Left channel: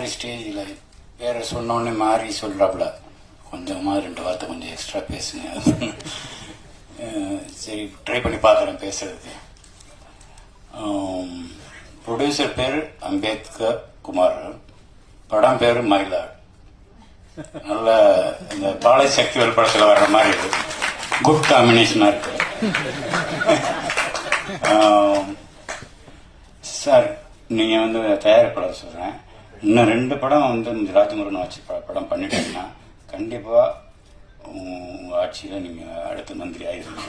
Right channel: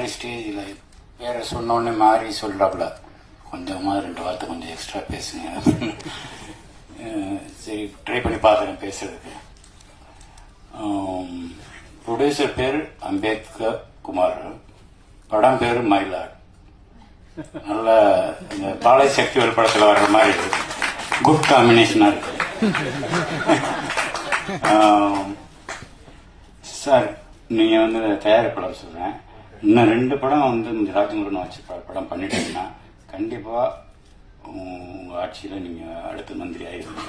மாதிரி ஸ்டேஜில் பேரை சொன்னோடனே மாறி சொல்கிறாப்புல, கொஞ்சமாக 2 வார்த்தை கொஞ்சம் எக்ஸ்ட்ரா பேசுங்க. சரி, ட்ரை பண்ணி பார்க்குறேன் பேசுறதுக்கு. ப்ரொடியூசர் பேர் அம்பேத்கர் குமார், படம் பேர் மயிலாட். நல்ல இந்த காலை செக்சுவல் படத்தில் வர்ற மாதிரி குட் காம்பினேஷனாக இருக்கு. சார், நீங்கள் வந்து தயாரிப்பாளர் சொல்கிறேன், இன்னும் 2 படம் வந்து இந்த ராஜமுருகன் வச்சு படம் பண்ணிட்டீங்கன்னா கண்டிப்பாக உங்கள் ஆட்சியில் நீங்கள் அடுத்த மந்திரி ஆகிருங்க.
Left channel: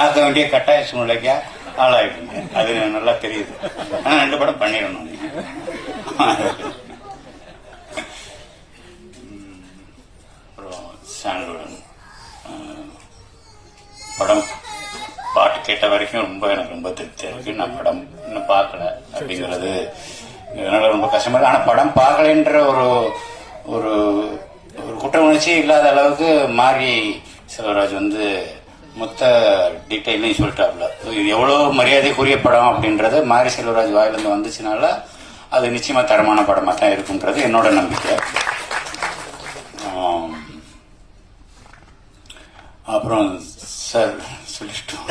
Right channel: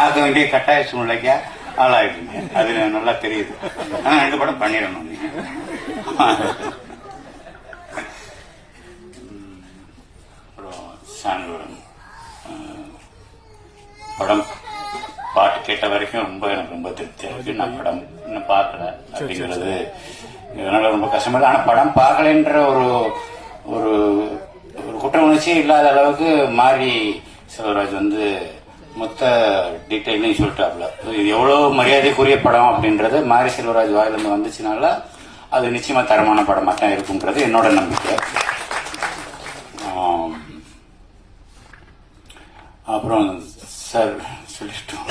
ஆக வேண்டிய கட்டாய சூழ்நிலைக்கு ஆளாயிடுங்க. அது நல்லா தெரியுது. ஆனால் 2 படம் பண்ணிடணும். அப்புறம் சாண்டோடன் படம் பாட்டு கேட்ட வரைக்கும் எனக்கு ரொம்ப திருப்தியா இருக்கு. நான் படம் இன்னும் பார்க்கல அப்படிங்கிறது இதனால ரொம்ப கஷ்டமா இருக்கு. ஆனால் படம் பார்க்கலன்ற ஒரு ஒரு குற்ற உணர்ச்சி இல்லாத அளவுக்கு மாரி செல்வராஜ் வந்து மொத்த டீட்டெயிலையும் சொல்லிட்டாப்ல. இது எவ்வளவு மரியாதைக்குரிய படம் அப்படின்றது மாரி செல்வராஜ் வாயிலிருந்து வந்துச்சுனால அது நிச்சயமா தரமான படமா தான் இருக்குன்றது என்னோட நம்பிக்கை. அப்புறம் சார் சொல்லிட்டோம்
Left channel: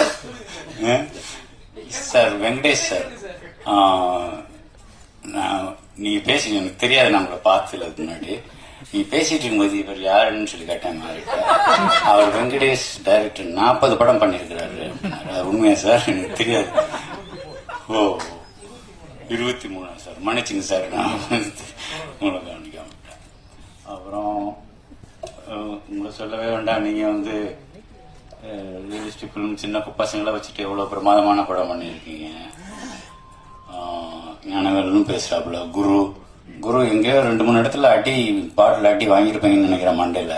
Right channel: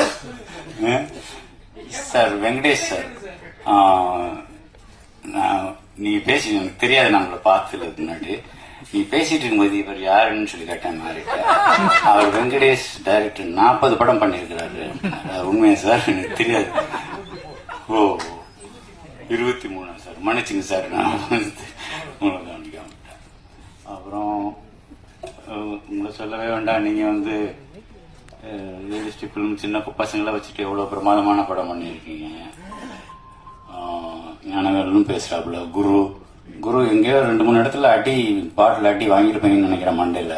சார், வெங்கடேஷ் சார், நீ பேசி எனக்கு தெரியாது, நான் உங்களை பார்த்ததுக்கு முன்னாடி நீ பேசிட்டு இருக்கும்போது இவர் யாருன்னு சொல்லி கேட்டேன். அவர் வெங்கடேஷ் டைரக்டர் 40 படம் பண்ணியிருக்கிறாரு. உண்மையா சார்? எனக்கு தெரியாது. ஓ, 23 சார், மன்னிச்சுங்க சார், நான் உங்களை கவனிக்காம. அப்புறம் உங்களை சொல்லவே வேண்டாம், நீங்க வந்து ரியலிஸ்டிக் ஃபிலிம் சின்ன பசங்களை வச்சுட்டு எவ்வளவு பிரமாதமான படம் பண்ணியிருக்கீங்க. ஞானவேலும் பேசுறாப்புல. குரு எங்கேயோ 2-3 இடத்துல பாட்டில் அடி வாங்கியிருப்பீங்கன்னு நினைக்கிறேன் மண்டையில.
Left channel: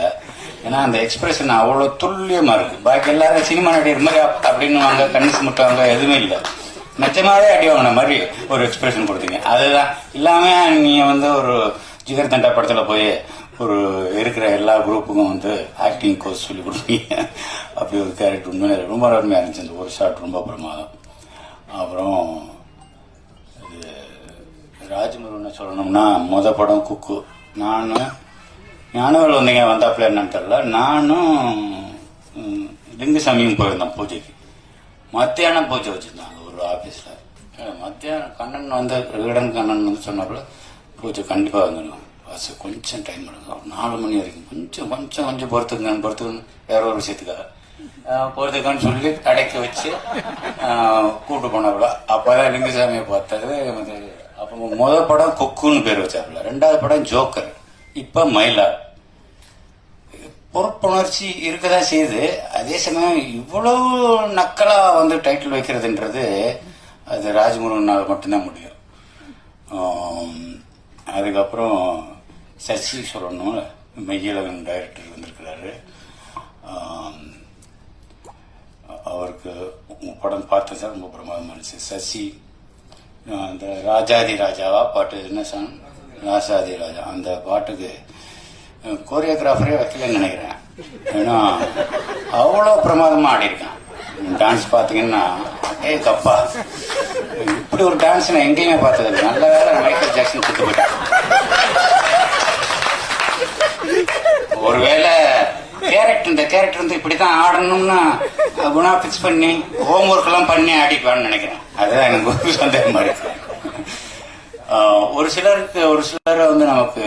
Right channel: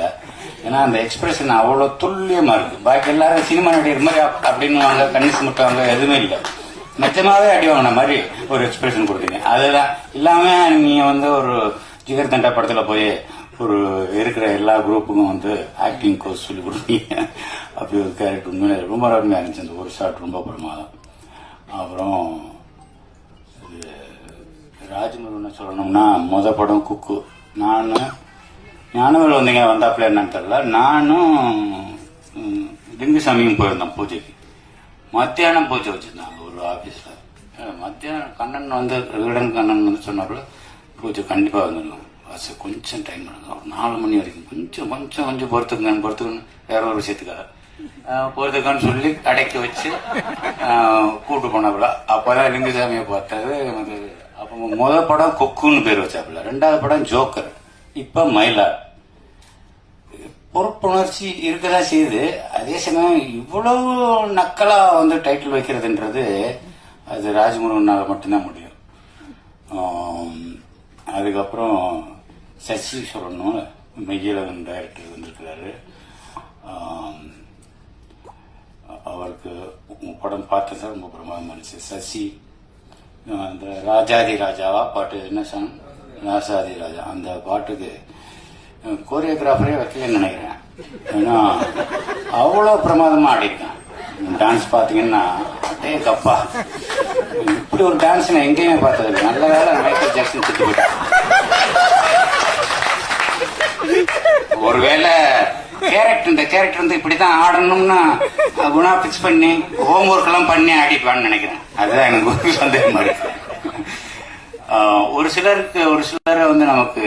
ஏன்னா அந்த எக்ஸ்பிரஷன் அவ்வளவு துல்லியமா இருக்கு. பாக்கி எல்லாரும் சினிமா நடிகர் மாதிரி அப்படின்னு கண்ணி சுமட்டுவாங்க, எதுவுமே இல்லை. நிஜமாவே அடி வாங்கின மாதிரி ஒரு எக்ஸ்பிரஷன் கொடுத்தீங்க. அதுதான் இல்லாம நீங்க வந்து ஒரு ஜிகர் தண்டா படத்துல போய் ஒரு இருக்கிற எல்லா குரூப்புக்கும் வந்து ஆக்டிங் கோர்ஸ் சொல்லி கொடுத்தீங்க. அப்படி ஒரு கேரக்டர் உண்மையில ரொம்ப அருமையா இருந்துச்சு. அந்த ஒரு ஷாட் ரொம்ப பிரமாதம். அப்புறம் ராஜமுருகன் சொல்லணும்னா மொத படம் குக்கு. ஞானவேல் வந்தீங்க வந்தாப்புல என்னன்னு தெரியல. நானும் லிங்குசாமியும் போயிருந்தோம் பூஜைக்கு. மத்தியானம் பூஜை வச்சிருந்தாங்க ஒரு ஆபீஸ்ல. மத்தியானம் கண்ணன் வந்து விகடன் கண்ணன் வந்து சொன்னாப்புல பூஜை கண்டிப்பா வந்துருங்க, கொஞ்சம் டைம் எடுக்கும், 4 மணி வரைக்கும் கொஞ்சம் பொறுத்துக்கன்னு வேற ஒரு விஷயத்துக்காக பொறுத்துக்கான்னு சொல்லி அடக்கி வச்சு கூட்டு போனாப்புல. அப்பதான் லிங்குசாமியை பார்த்தாரு. அப்போ முதல் படம் கொக்குன்னு பேர் வச்சாப்புல, 2வது படம் ஜோக்கர், இப்ப மயிலாட். பொறுப்புணர்ச்சி இருக்கதான் செய்யுது. அதே சமயம் இவ்வளவு நக்கலா வந்து டைட்டில் வைக்கிறதுன்றது அது ராஜமுருகனால மட்டும்தான் முடியும். அதுக்கப்புறம் சசி சொல்லணும், மெய்யழகன் டைரக்டர் வந்திருக்கிறாரு. அவருக்கு படம் பார்த்தேன் சார், ரொம்ப பிரமாதமா இருந்துச்சு. சசி அந்த ராஜாதி ராஜாவா பாட்டு, என்ன சாங், ராஜாதி ராஜா, அந்த பாட்டுக்கு கோரியோகிராஃபரே வைக்கலன்னு நினைக்கிறேன். ஏன்னா அவ்வளோ பிரமாதமா ஆடிருக்கான். டான்ஸ் பாத்தீங்கன்னா கப்பா, இப்படி ஒரு டான்ஸ் நான் எங்கேயுமே பார்த்தது. நல்ல வேலை மைக்கேல் ஜாக்சன் சுத்தி போயிட்டான். ஒருவேளை இந்த கேரக்டர் வந்து இப்படிதான் ஆடணும்னா குணா பிக்ஸ் பண்ணி ஹோம் ஒர்க் எல்லாம் பண்ணி ஆடிப்பான்னு நினைக்கிறேன். அதுதான் எனக்கு ஒரு சந்தேகமா இருக்கு. ஒரு சிலரை வந்து நமக்கு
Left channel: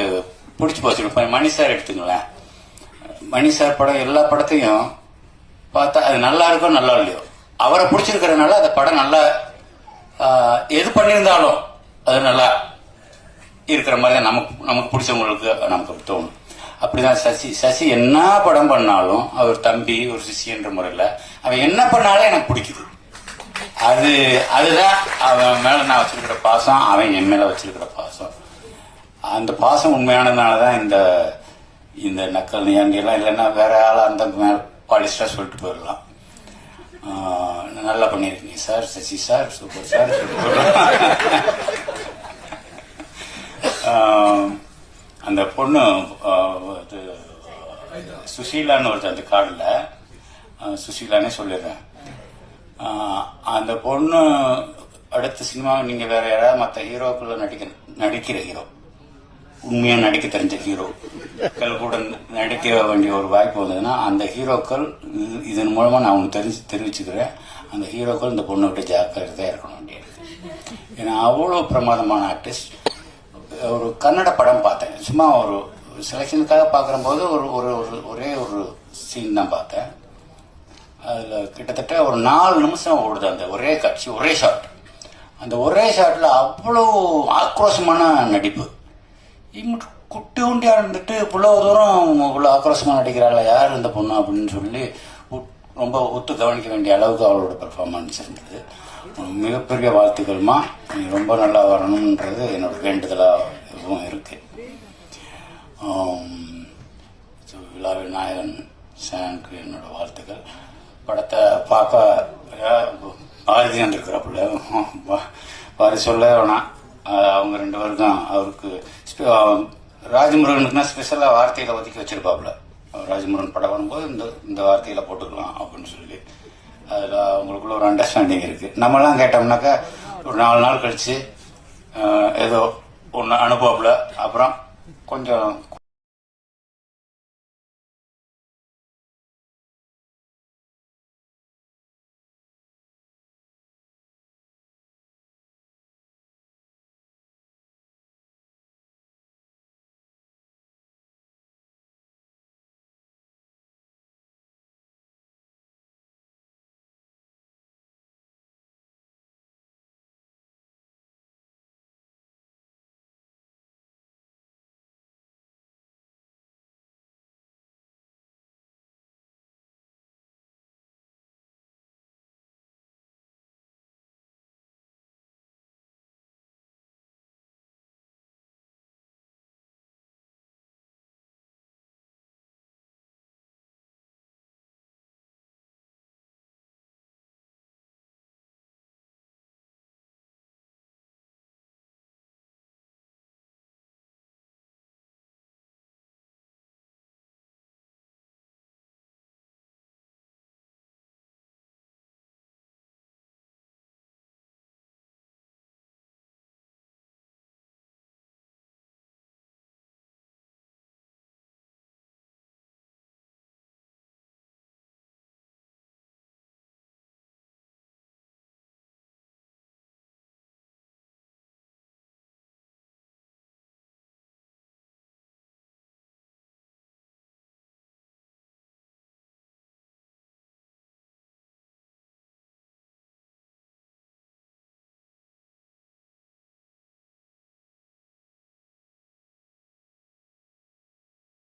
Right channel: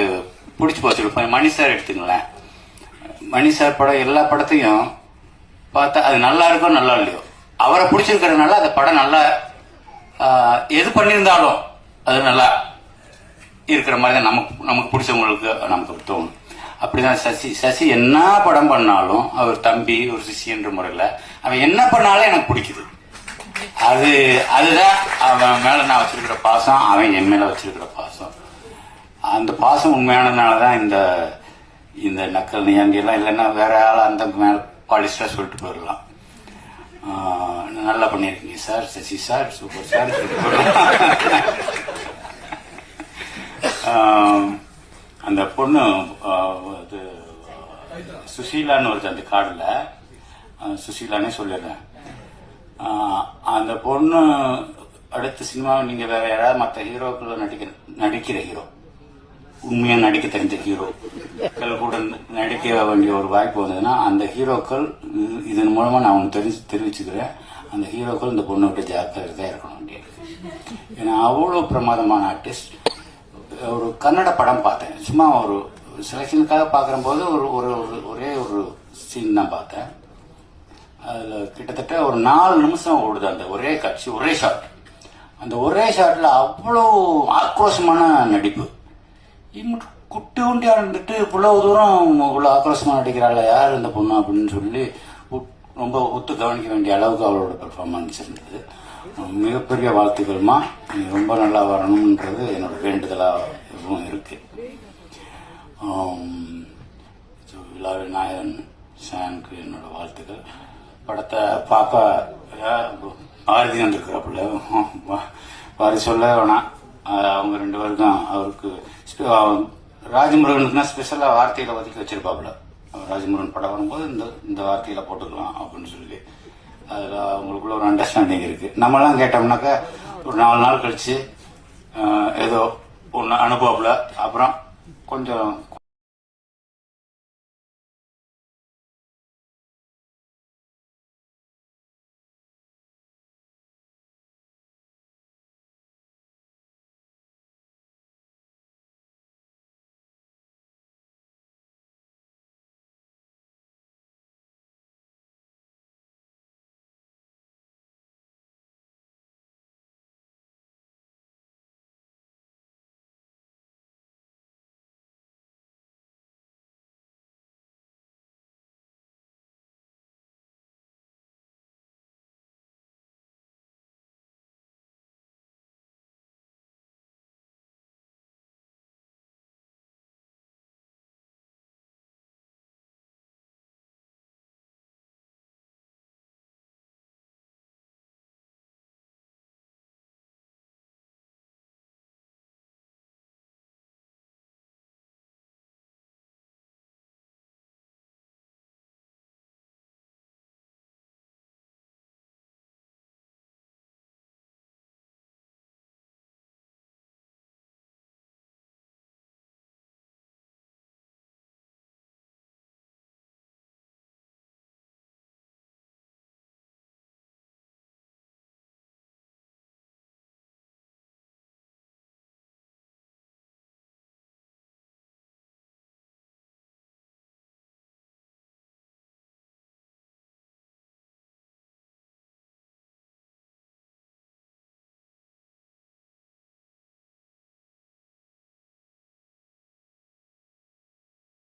பிடிச்சி போச்சு. இப்ப மணி சார் எடுத்துங்களேன். மணி சார் படம் எல்லா படத்தையும் பார்த்தா அது நல்லா இருக்கோ நல்லா இல்லையோ, அவரை பிடிச்சிருக்கிறதுனால அந்த படம் நல்லா எது பண்ணியிருந்தாலும் அது நல்லா இருக்கிற மாதிரி தான் நமக்கு பிடிச்சவங்களுக்கு நமக்கு தோணும். அப்படிதான் சசி என்ன படம் பண்ணாலும் அவர் தம்பி ஒரு சிஷியன்ற முறையில் அவன் என்ன பண்ணாலும் எனக்கு பிடிக்குது. அதுதான் அவன் மேல நான் வச்சிருக்கிற பாசம், அவன் என் மேல வச்சிருக்கிற பாசம். அந்த பாசம் உண்மையானதுனாலதான் இந்த நக்கல் நீ அங்கெல்லாம் இல்லைன்னா வேற ஆள் அந்த மேல பாலிஸ்டா சொல்லிட்டு போயிடலாம். நல்லா பண்ணிருக்கீங்க sir, Sasi sir, super sir. அந்த பொண்ணு சுசீலான்னு ஒருத்தர் அந்த கார்டுல சுசீலானே சொல்லிடுறேன். அந்த பொண்ணு அடுத்த சினிமாவை நீங்க வேற யாராவது மற்ற ஹீரோக்களை நடிக்கிற ஹீரோ, உண்மையா நடிக்க தெரிஞ்ச ஹீரோக்கள் கூட நடிக்க வேண்டிய ஒரு வாய்ப்பு வந்ததுன்னா அந்த ஹீரோக்கள் இதன் மூலமா நான் அவங்க தெரிவிச்சுக்கிறேன், அந்த ஹீரோக்கள் இந்த பொண்ணை விட்டு ஜாக்கிரதையா இருக்கணும் வேண்டியிருக்கு. ஏன்னா அவ்வளவு பிரமாதமான ஆர்டிஸ்ட். ஒரு கன்னட படம் பார்த்தேன், சும்மா ஒரு செலக்ஷனுக்காக பார்க்குற போது ஒரே ஒரு சீன் தான் பார்த்தேன். அதுல கிட்டத்தட்ட ஒரு 4 நிமிஷம் ஓடுது அந்த ஒரே காட்சி, ஒரே ஷாட். அந்த ஒரே ஷாட்ல அவ்வளவு ஆக்ரோஷமான நடிப்பு. குட்டி உண்டியா இருந்துட்டு இவ்வளவு தூரம் இவ்வளவு ஆக்ரோஷமா நடிக்கிறாள் யார் இந்த பொண்ணு அப்படின்னு சொல்லி ரொம்ப ஒத்து கவனிக்க வேண்டிய அளவுக்கு அவளோட பெர்ஃபார்மன்ஸ் இருந்தது. மிகப்பெரிய வாழ்த்துக்கள்மா, நீ ரொம்ப நல்லா வரணும்ன்றது என்னோட வேண்டுதலா எதுவும் இருக்கு. விழாவின் நாயகன் சானுக்கு என்னோட வாழ்த்துக்கள். படத்தை பார்க்க பாரதி வந்திருக்கிறப்பல பாரதி சொல்ல வேணாம், அவங்க 2 பேருக்கும் அவருக்கு ராஜமுருகனுக்குன்னா ஸ்பெஷலா வார்த்தையில ஒதுக்கி வச்சிருப்பாப்புல. ராஜமுருகன் படம் வரும்போது இந்த வார்த்தையில போட்டுக்கலாம் அப்படின்னு சொல்லி அதுல அவங்களுக்குள்ள ஒரு அண்டர்ஸ்டாண்டிங் இருக்கு. நம்மளாம் கேட்டோம்னாக்கா ஒரு 4 நாள் கழிச்சு ஏதோ ஒன்று அனுப்புவாப்புல, அப்புறம் கொஞ்சம்